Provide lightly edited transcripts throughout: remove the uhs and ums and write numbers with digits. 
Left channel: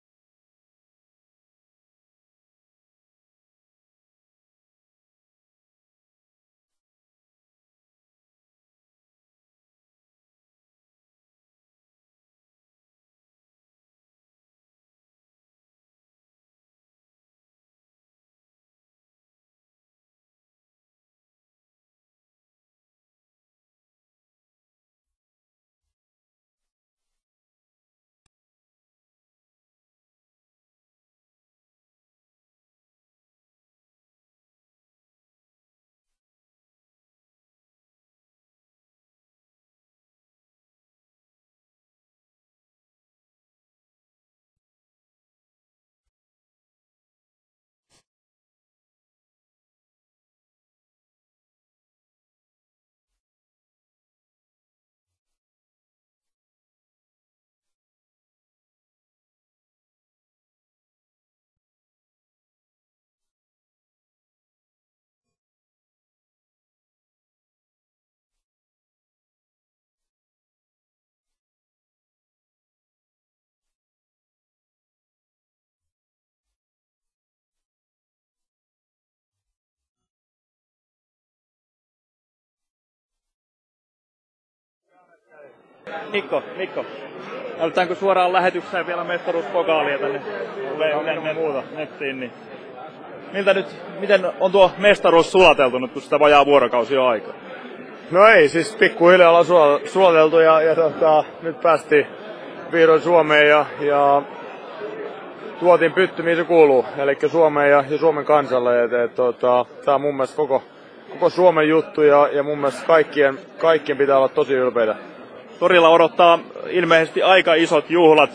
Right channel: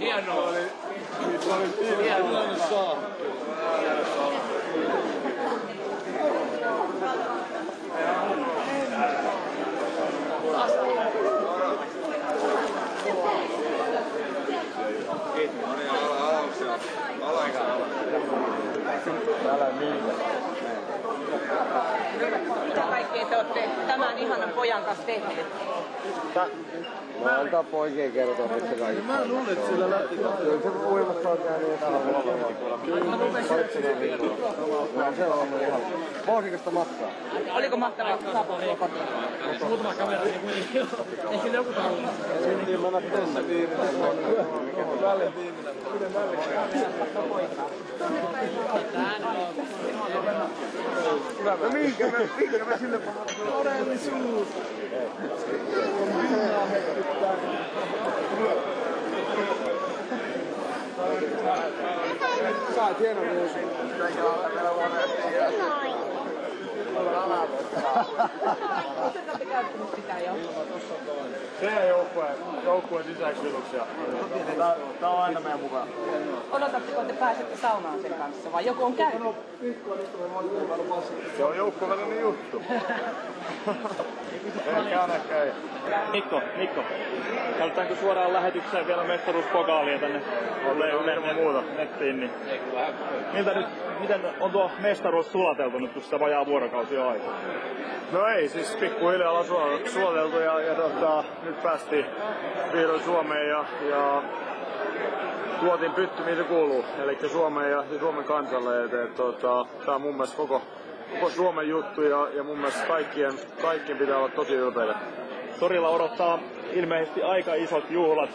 Hienoa. Mitä kaikkea te olette tämän ihanan pojan kanssa tehneet? No antaa poikien kertoa missä kaikki. Mä luulen, että sillä lähti. Kyllä se uimassa on jäänyt jotain. Se on ollut ihan vauhdikasta matkaa. Oliko mahtavaa saapua kotiin? Muutama kamera niin kuitenkin. Ei sillä joku taulu. Sitten mennä tänne viimeinen vuonna. Välin viimeinen. Kyllä välin. No minkä mä sille pahaan? Todellisuus. On viinaa hetkittää. Saa hienon uusi. Olette käyttänyt sitä jo? Se joukkueen sisäisyyduksia. Tää on aina meidän mukaan. Odotatteko, että pääsette saunaan sen kanssa vai joku on käynyt? Se on joukkuevälinen juttu. Ehkä ei. Mikko. Näytetäänkö suoraan lähetykseen vielä mestaruuspokaalia tänne nettiin? Niin. Miten on tuo mestaruus sulateltu nyt, kun sitä vajaa vuorokausi on aikaa? No ei, siis pikkuhiljaa ollaan sulateltu ja nyt päästiin vihdoin Suomeen ja tuotiin pytty, mihin se kuuluu, eli Suomeen ja Suomen kansalle. Tää on mun mielestä koko Suomen juttu ja mun mielestä kaikkien pitää olla tosi ylpeitä. Torilla odottaa ilmeisesti aika isot juhlat.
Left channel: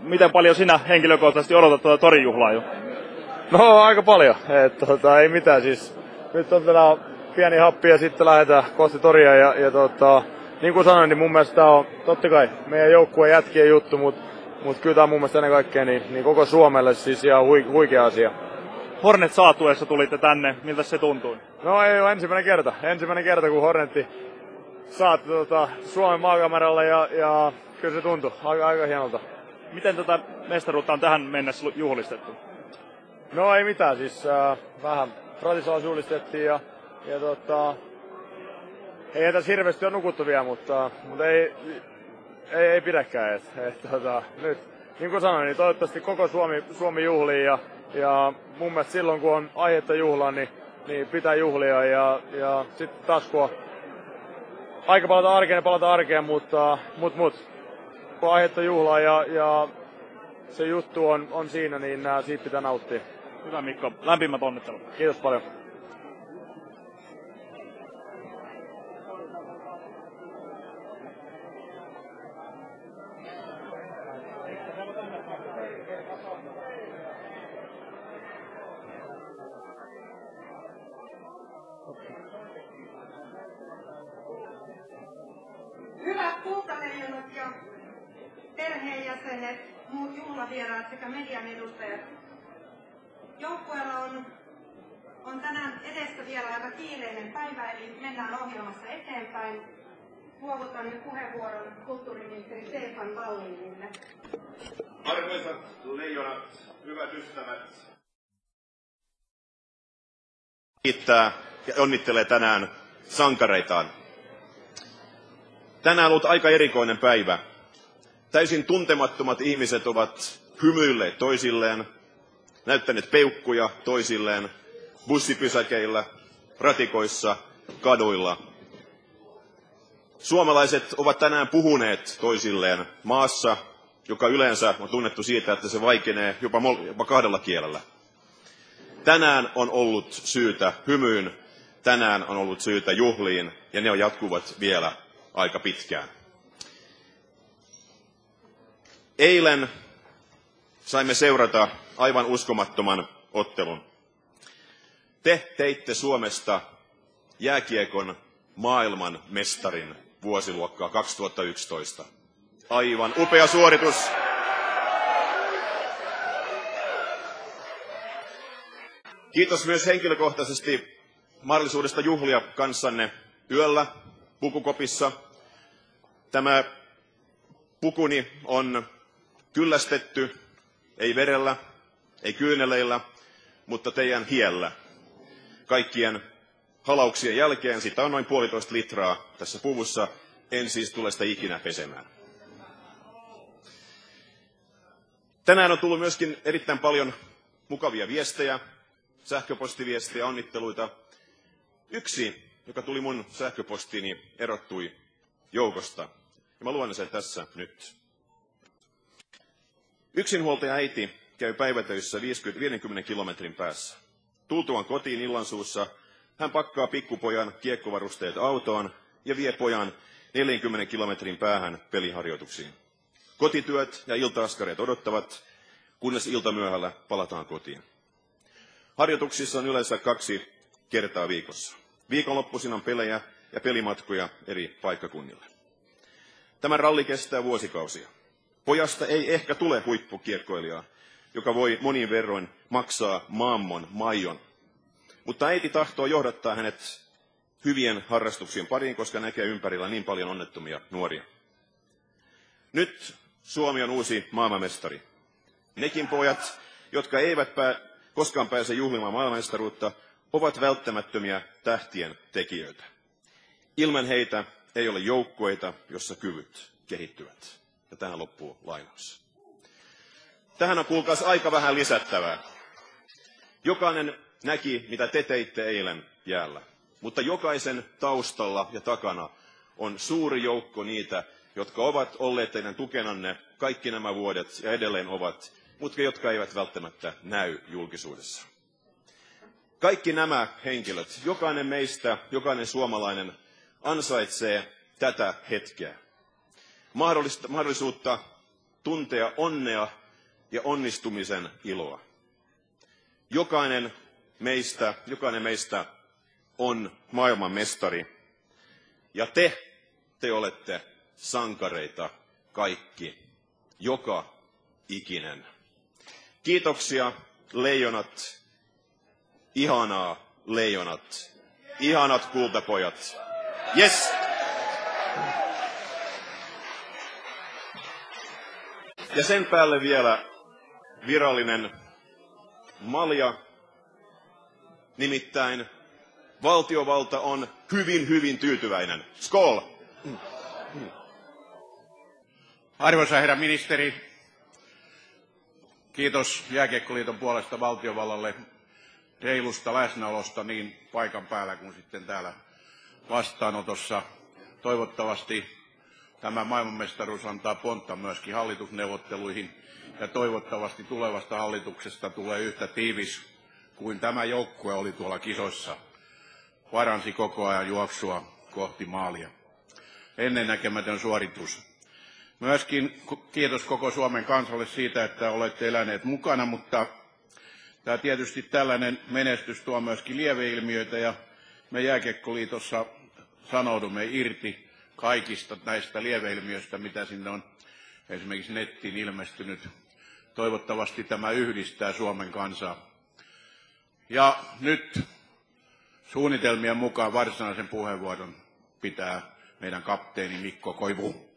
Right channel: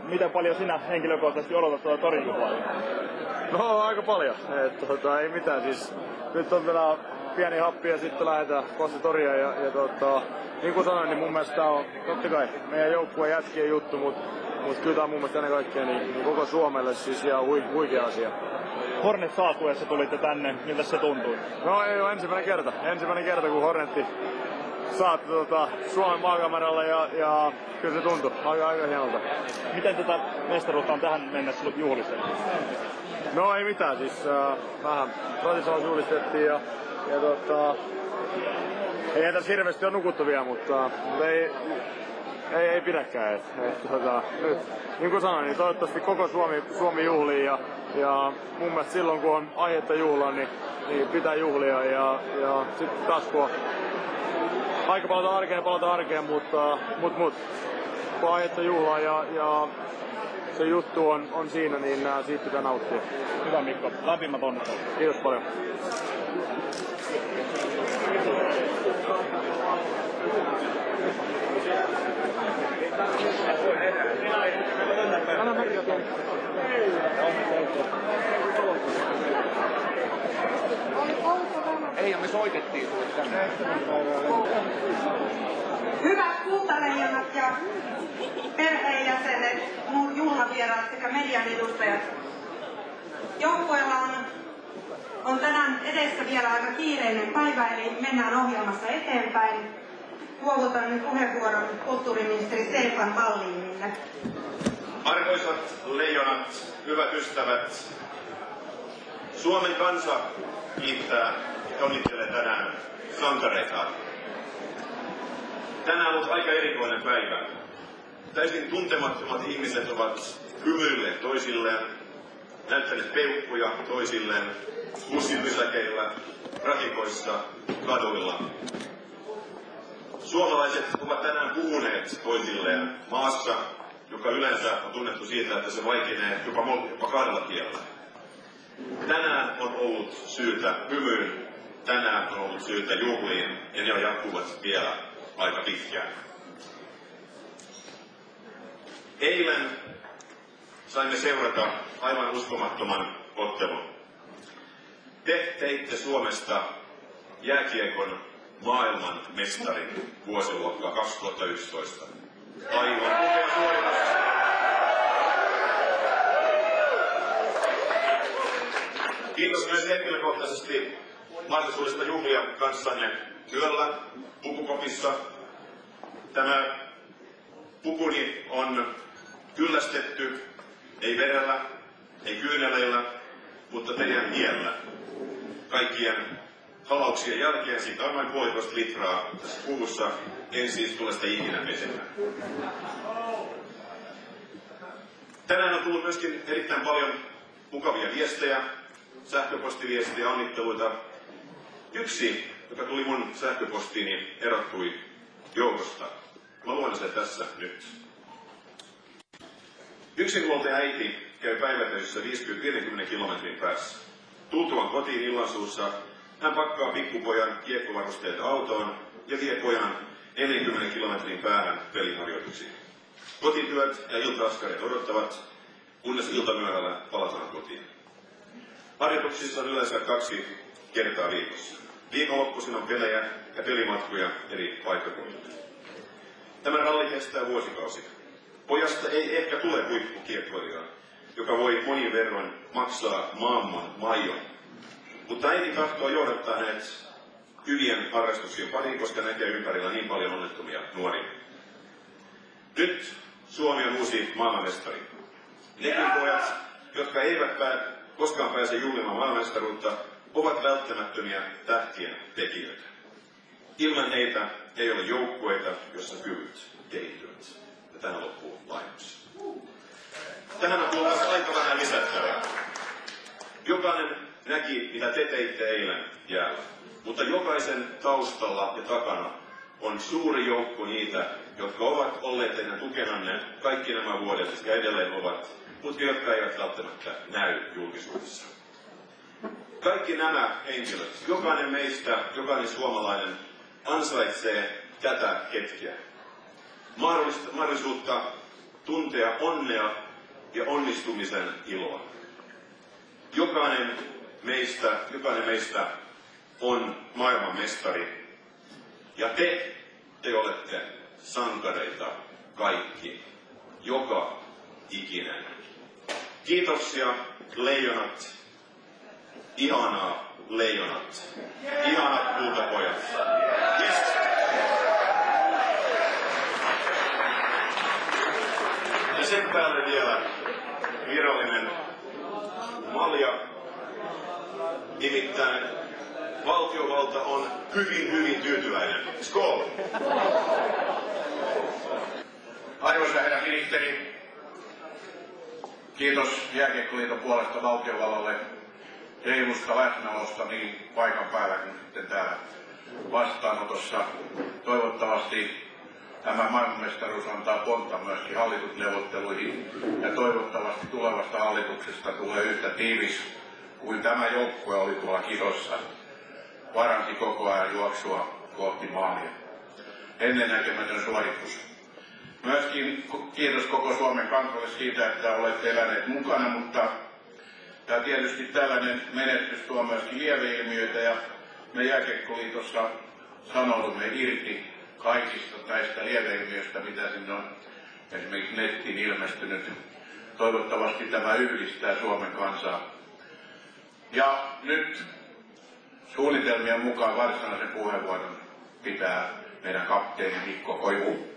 Miten paljon sinä henkilökohtaisesti odotat tuota torijuhlaa jo? No aika paljon, ei mitään siis. Nyt on vielä pieni happi ja sitten lähdetään kohti toria niin kuin sanoin, niin mun mielestä tää on totta kai meidän joukkueen jätkien juttu, mutta kyllä tää on mun mielestä ennen kaikkea niin koko Suomelle siis ihan huikea asia. Hornet saatuessa tulitte tänne, miltä se tuntui? No ei ole ensimmäinen kerta kun Hornetti saatti Suomen maakameralle ja kyllä se tuntui aika hienolta. Miten tätä mestaruutta on tähän mennessä juhlistettu? No ei mitään, siis vähän Ratisalla juhlistettiin ja ei tässä hirveästi ole nukuttu vielä, mutta ei pidäkään. Nyt, niin kuin sanoin, niin toivottavasti koko Suomi juhlii ja mun mielestä silloin kun on aihetta juhlaa, niin pitää juhlia ja sitten taas kun aika palata arkeen, mutta kun aihetta juhlaa ja se juttu on siinä, niin siitä pitää nauttia. Hyvä Mikko, lämpimät onnittelut. Kiitos paljon. Ei, me soitettiin. Hyvät kultaleijonat ja perheenjäsenet, juhlavieraat sekä median edustajat. Joukkueella on tänään edessä vielä aika kiireinen päivä, eli mennään ohjelmassa eteenpäin. Luovutan nyt puheenvuoron kulttuuriministeri Stefan Wallinille. Arvoisat leijonat, hyvät ystävät, Suomen kansa kiittää ja onnittelee tänään sankareitaan. Tänään on ollut aika erikoinen päivä. Täysin tuntemattomat ihmiset ovat hymyilleet toisilleen, näyttäneet peukkuja toisilleen bussipysäkeillä, ratikoissa, kaduilla. Suomalaiset ovat tänään puhuneet toisilleen maassa, joka yleensä on tunnettu siitä, että se vaikenee jopa kahdella kielellä. Tänään on ollut syytä hymyyn, tänään on ollut syytä juhliin ja ne jatkuvat vielä aika pitkään. Eilen saimme seurata aivan uskomattoman ottelun. Te teitte Suomesta jääkiekon maailman mestarin vuosiluokkaa 2011. Aivan upea suoritus. Kiitos myös henkilökohtaisesti mahdollisuudesta juhlia kanssanne yöllä pukukopissa. Tämä pukuni on kyllästetty, ei verellä, ei kyyneleillä, mutta teidän hiellä. Kaikkien halauksien jälkeen sitä on noin 1,5 litraa tässä puvussa. En siis tule sitä ikinä pesemään. Tänään on tullut myöskin erittäin paljon mukavia viestejä, sähköpostiviestejä, onnitteluita. Yksi, joka tuli mun sähköpostiini, erottui joukosta. Ja mä luen sen tässä nyt. Yksinhuoltaja äiti käy päivätöissä 50 kilometrin päässä. Tultuaan kotiin illansuussa hän pakkaa pikkupojan kiekkovarusteet autoon ja vie pojan 40 kilometrin päähän peliharjoituksiin. Kotityöt ja ilta-askareet odottavat, kunnes iltamyöhällä palataan kotiin. Harjoituksissa on yleensä 2 kertaa viikossa. Viikonloppuisin on pelejä ja pelimatkoja eri paikkakunnille. Tämä ralli kestää vuosikausia. Pojasta ei ehkä tule huippukiekkoilijaa, joka voi monin verroin maksaa maailman maijon. Mutta äiti tahtoo johdattaa hänet hyvien harrastuksien pariin, koska näkee ympärillä niin paljon onnettomia nuoria. Nyt Suomi on uusi maailmanmestari. Nekin pojat, jotka eivät koskaan pääse juhlimaan maailmanmestaruutta, ovat välttämättömiä tähtien tekijöitä. Ilman heitä ei ole joukkueita, jossa kyvyt kehittyvät. Ja tähän loppuu lainaus. Tähän on kuultaas aika vähän lisättävää. Jokainen näki, mitä te teitte eilen jäällä. Mutta jokaisen taustalla ja takana on suuri joukko niitä, jotka ovat olleet teidän tukenanne kaikki nämä vuodet ja edelleen ovat, mutta jotka eivät välttämättä näy julkisuudessa. Kaikki nämä henkilöt, jokainen meistä, jokainen suomalainen ansaitsee tätä hetkeä. Mahdollisuutta tuntea onnea ja onnistumisen iloa. Jokainen meistä on maailmanmestari. Ja te olette sankareita kaikki, joka ikinen. Kiitoksia leijonat, ihanaa leijonat, ihanat kultapojat. Yes! Ja sen päälle vielä virallinen malja, nimittäin valtiovalta on hyvin tyytyväinen. Skål! Arvoisa herra ministeri, kiitos Jääkiekkoliiton puolesta valtiovallalle reilusta läsnäolosta niin paikan päällä kuin sitten täällä vastaanotossa. Toivottavasti tämä maailmanmestaruus antaa pontta myöskin hallitusneuvotteluihin ja toivottavasti tulevasta hallituksesta tulee yhtä tiivis kuin tämä joukkue oli tuolla kisossa. Paransi koko ajan juoksua kohti maalia. Ennennäkemätön suoritus. Myöskin kiitos koko Suomen kansalle siitä, että olette eläneet mukana, mutta tämä tietysti tällainen menestys tuo myöskin lieveilmiöitä ja me Jääkiekkoliitossa sanoudumme irti kaikista näistä lieveilmiöistä, mitä sinne on esimerkiksi nettiin ilmestynyt. Toivottavasti tämä yhdistää Suomen kansaa. Ja nyt suunnitelmien mukaan varsinaisen puheenvuoron pitää meidän kapteeni Mikko Koivu.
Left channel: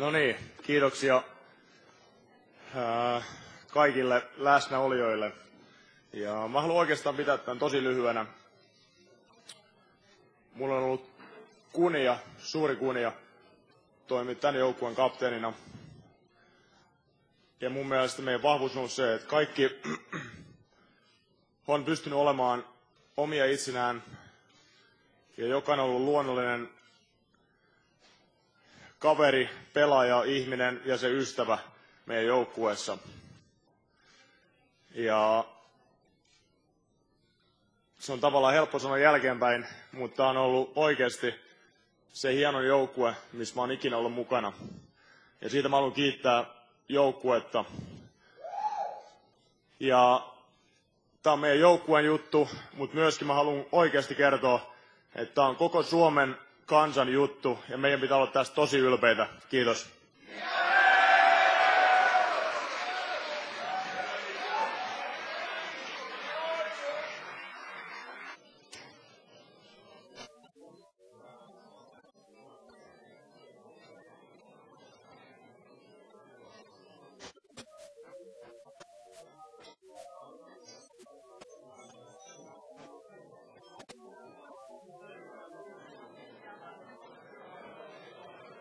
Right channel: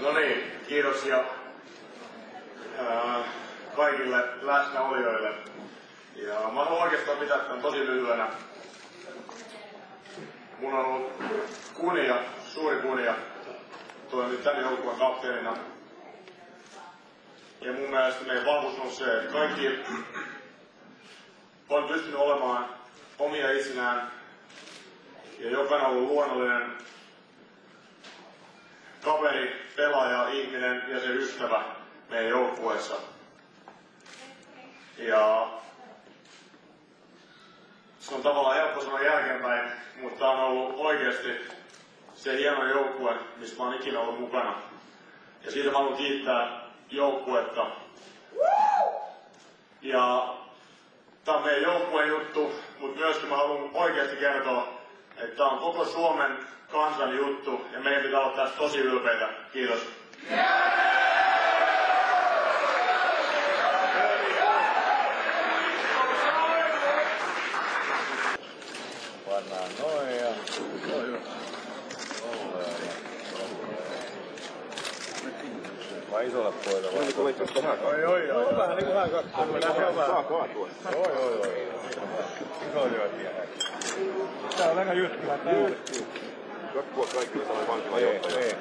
No niin, kiitoksia kaikille läsnäolijoille. Ja mä haluan oikeastaan pitää tämän tosi lyhyenä. Mulla on ollut suuri kunnia toimia tämän joukkueen kapteenina. Ja mun mielestä meidän vahvuus on se, että kaikki on pystynyt olemaan omia itsinään. Ja jokainen on ollut luonnollinen kaveri, pelaaja, ihminen ja se ystävä meidän joukkueessa. Ja se on tavallaan helppo sanoa jälkeenpäin, mutta on ollut oikeasti se hieno joukkue, missä mä oon ikinä ollut mukana. Ja siitä mä haluan kiittää joukkuetta. Ja tää on meidän joukkueen juttu, mutta myöskin mä haluan oikeasti kertoa, että tää on koko Suomen kansan juttu ja meidän pitää olla tästä tosi ylpeitä. Kiitos. Pannaan noin ja... Vai isolle poille vai? Oi. Vähän niinku hän katsoo. Saa kaatua. Oi. Iso lyötiä. Tää on aika jytkylä tää. Kakkua kaikilla sanoo vankila johtaja.